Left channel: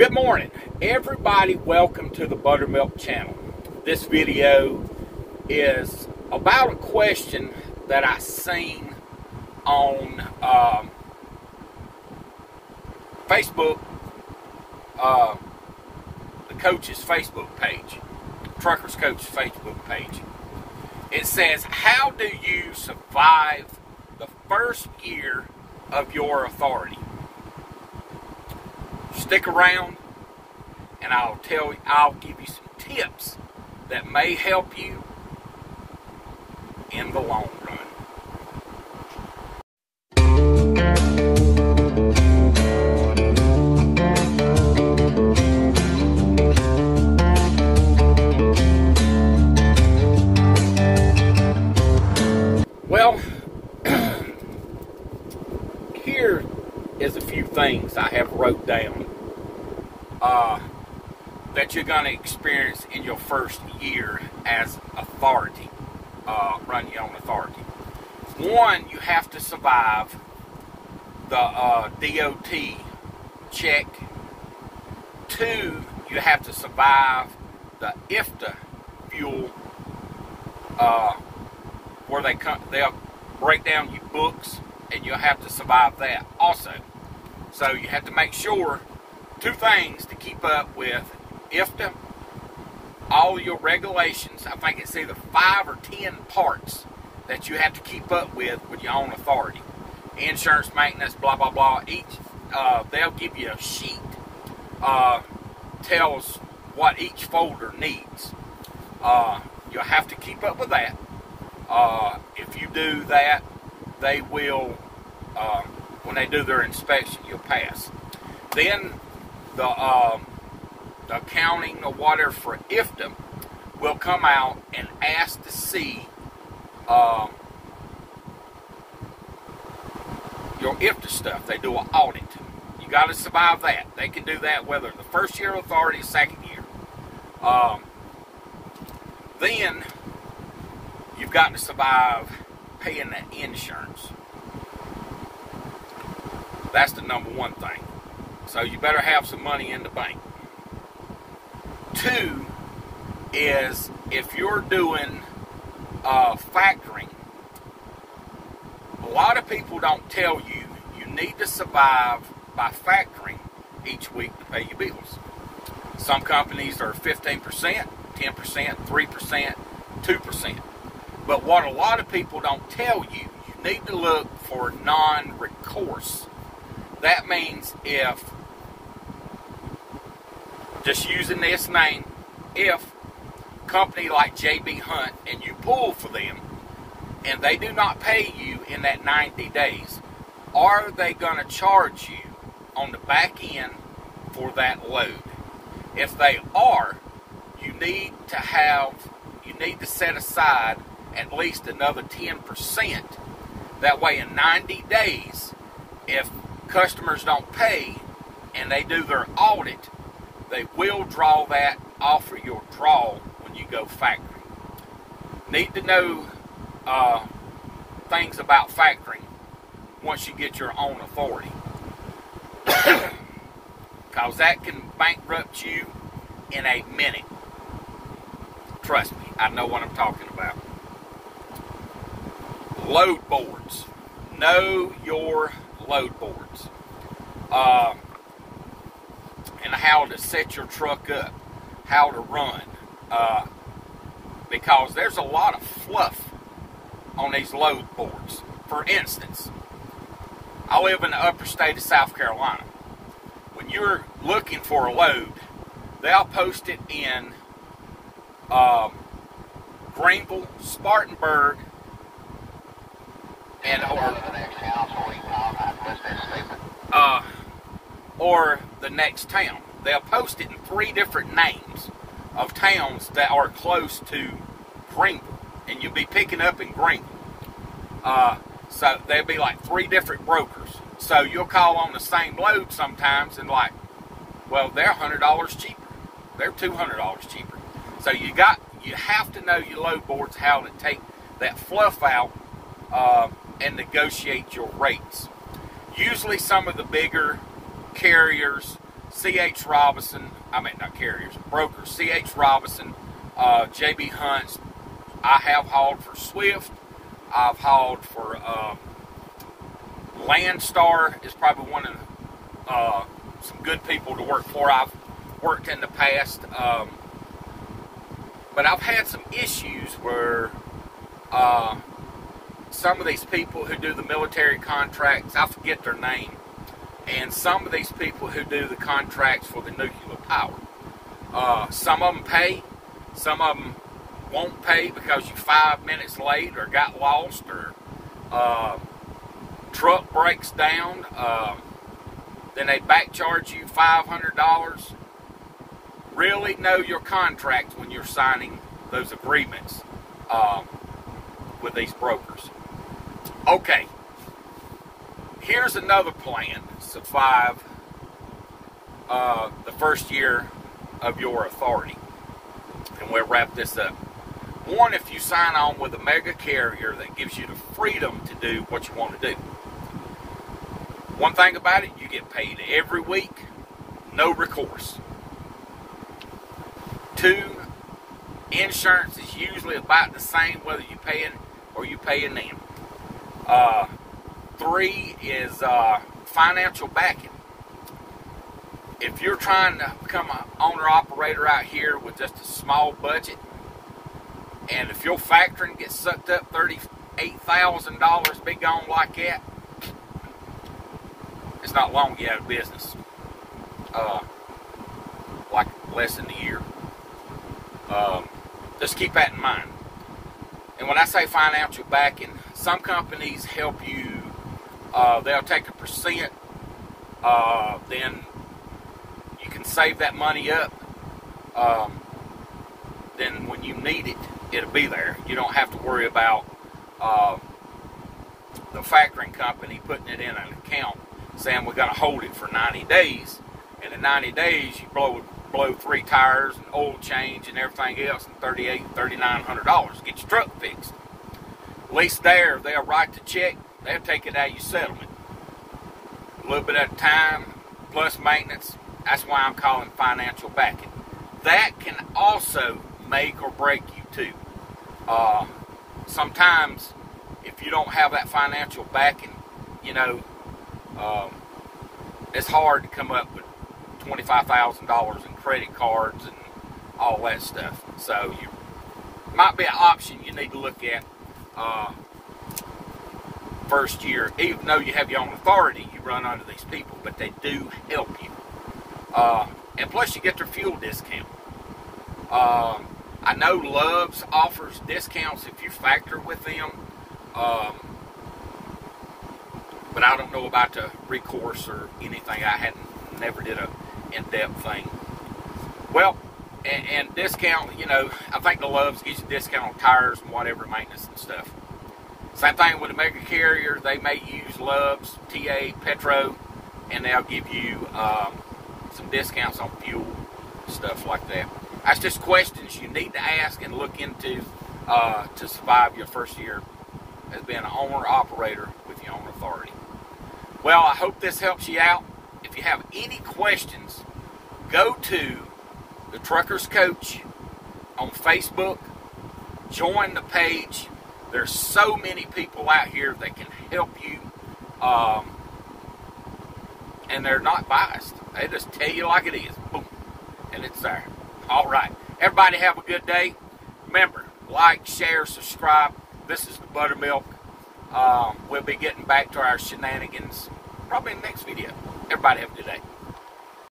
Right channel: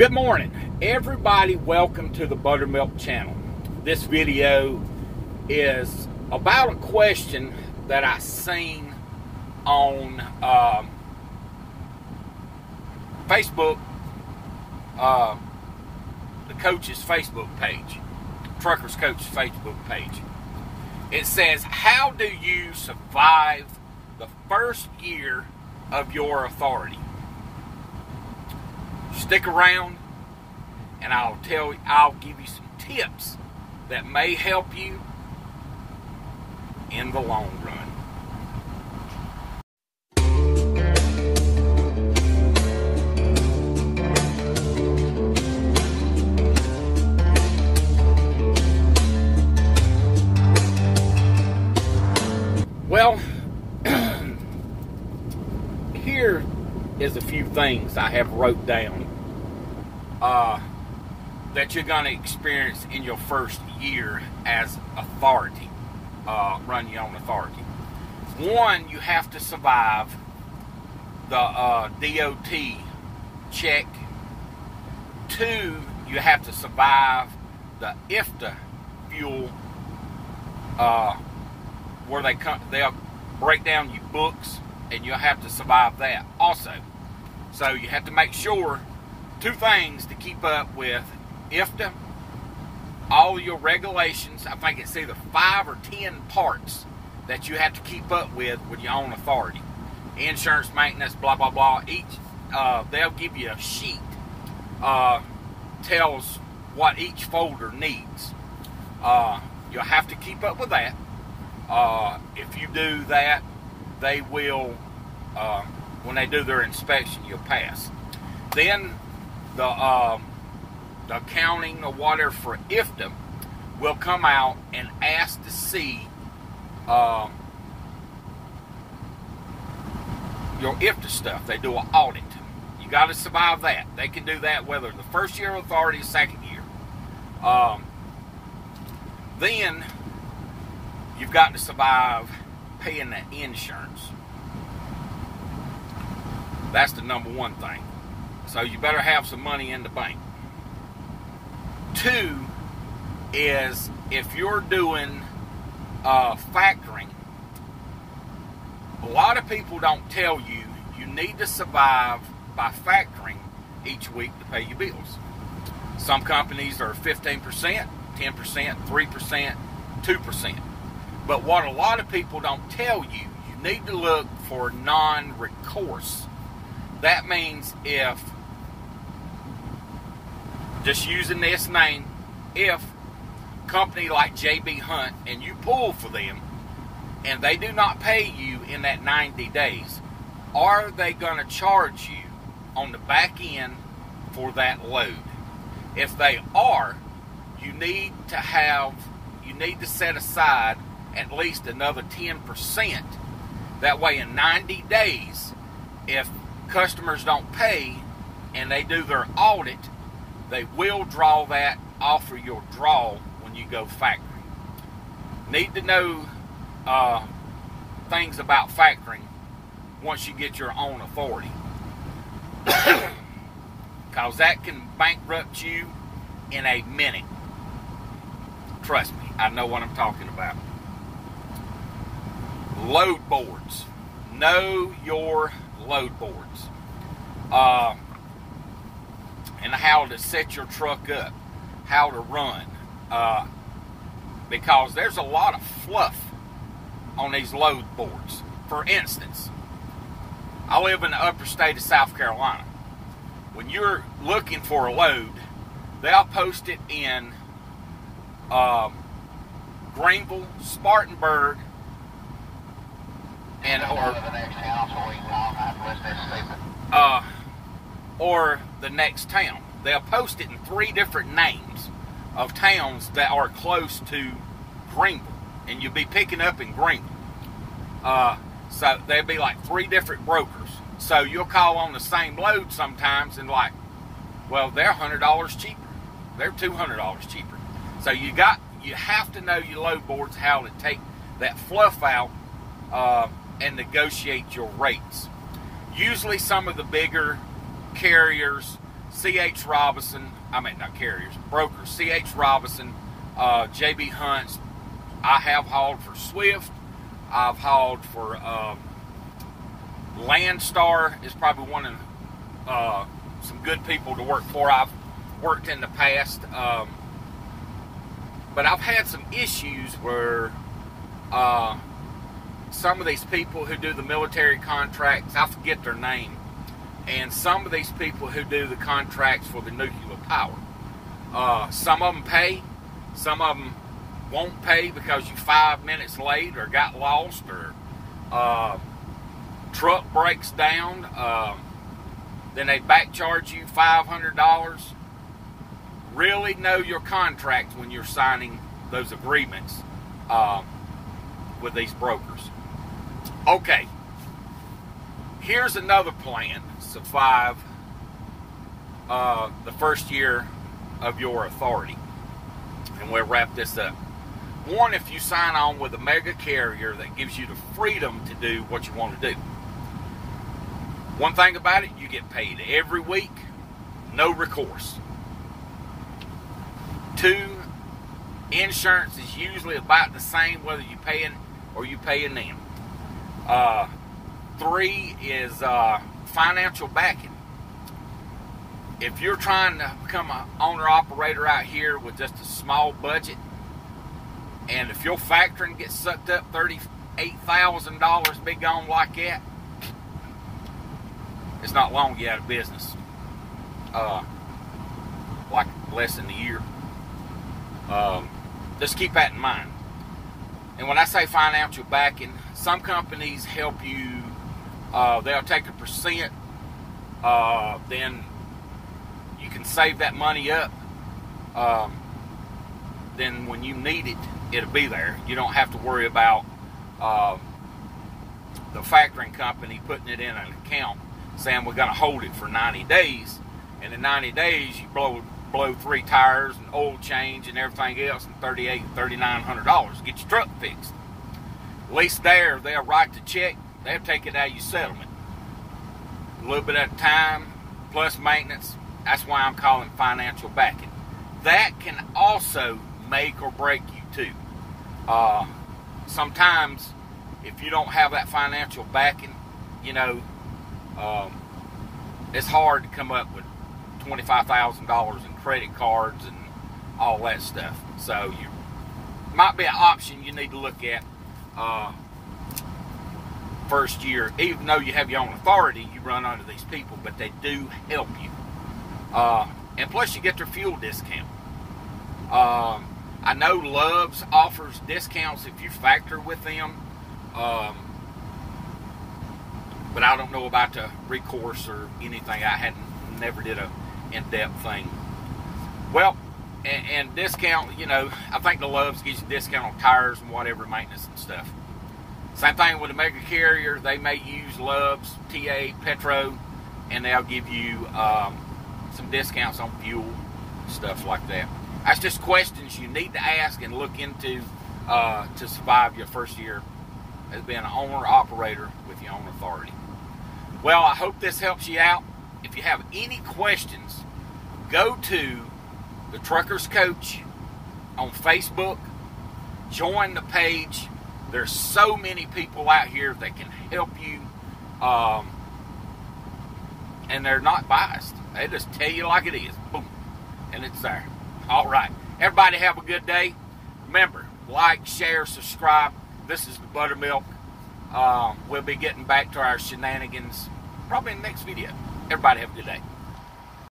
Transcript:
Good morning, everybody. Welcome to the Buttermilk channel. This video is about a question that I seen on Facebook, the coach's Facebook page, Truckers Coach's Facebook page. It says, how do you survive the first year of your authority? Stick around and I'll give you some tips that may help you in the long run. Well, here is a few things I have wrote down that you're going to experience in your first year as authority, run your own authority. One, you have to survive the DOT check. Two, you have to survive the IFTA fuel, where they'll break down your books, and you'll have to survive that also. So you have to make sure two things to keep up with: IFTA, all your regulations. I think it's either 5 or 10 parts that you have to keep up with your own authority. Insurance, maintenance, blah, blah, blah. Each, they'll give you a sheet, tells what each folder needs. You'll have to keep up with that. If you do that, they will, when they do their inspection, you'll pass. Then the accounting or whatever for IFTA will come out and ask to see your IFTA stuff. They do an audit. You got to survive that. They can do that whether the first year of authority or second year. Then you've got to survive paying that insurance. That's the number one thing. So you better have some money in the bank. Two is, if you're doing factoring, a lot of people don't tell you you need to survive by factoring each week to pay your bills. Some companies are 15%, 10%, 3%, 2%. But what a lot of people don't tell you, you need to look for non-recourse. That means if, just using this name, if a company like J.B. Hunt and you pull for them and they do not pay you in that 90 days, are they going to charge you on the back end for that load? If they are, you need to set aside at least another 10%. That way in 90 days, if customers don't pay and they do their audit, they will draw that off of your draw when you go factoring. Need to know things about factoring once you get your own authority. Because that can bankrupt you in a minute. Trust me, I know what I'm talking about. Load boards. Know your load boards. And how to set your truck up. How to run. Because there's a lot of fluff on these load boards. For instance, I live in the upper state of South Carolina. When you're looking for a load, they'll post it in Greenville, Spartanburg, and or the next town. They'll post it in 3 different names of towns that are close to Greenville, and you'll be picking up in Greenville. So there'll be like 3 different brokers. So you'll call on the same load sometimes and like, well, they're $100 cheaper. They're $200 cheaper. So you have to know your load boards, how to take that fluff out and negotiate your rates. Usually some of the bigger carriers C.H. Robinson, not carriers, brokers, C.H. Robinson, J.B. Hunt's. I have hauled for Swift. I've hauled for Landstar is probably one of some good people to work for. I've worked in the past, but I've had some issues where some of these people who do the military contracts, I forget their name, and some of these people who do the contracts for the nuclear power, some of them pay, some of them won't pay because you're 5 minutes late or got lost or truck breaks down. Then they back charge you $500. Really know your contract when you're signing those agreements with these brokers. Okay, here's another plan to survive the first year of your authority. And we'll wrap this up. One, if you sign on with a mega carrier that gives you the freedom to do what you want to do. One thing about it, you get paid every week, no recourse. Two, insurance is usually about the same whether you're paying or you paying them. Three is financial backing. If you're trying to become an owner-operator out here with just a small budget, and if your factoring gets sucked up $38,000, be gone like that, it's not long you out of business. Like less than a year. Just keep that in mind. And when I say financial backing, some companies help you, they'll take a percent, then you can save that money up. Then when you need it, it'll be there. You don't have to worry about the factoring company putting it in an account saying we're going to hold it for 90 days. And in 90 days, you blow 3 tires and oil change and everything else and $3,900 to get your truck fixed. At least there, they'll write the check. They'll take it out of your settlement. A little bit at a time, plus maintenance. That's why I'm calling financial backing. That can also make or break you too. Sometimes, if you don't have that financial backing, it's hard to come up with $25,000 in credit cards and all that stuff. So you might be an option you need to look at first year. Even though you have your own authority, you run under these people, but they do help you. And plus you get their fuel discount. I know Love's offers discounts if you factor with them. But I don't know about the recourse or anything. I never did a in-depth thing. Well, and discount, I think the Love's gives you discount on tires and whatever, maintenance and stuff. Same thing with a mega carrier. They may use Love's, TA, Petro, and they'll give you some discounts on fuel, stuff like that. That's just questions you need to ask and look into to survive your first year as being an owner-operator with your own authority. Well, I hope this helps you out. If you have any questions, go to the Truckers Coach on Facebook. Join the page. There's so many people out here that can help you. And they're not biased. They just tell you like it is. Boom. And it's there. All right. Everybody have a good day. Remember, like, share, subscribe. This is the Buttermilk. We'll be getting back to our shenanigans probably in the next video. Everybody have a good day.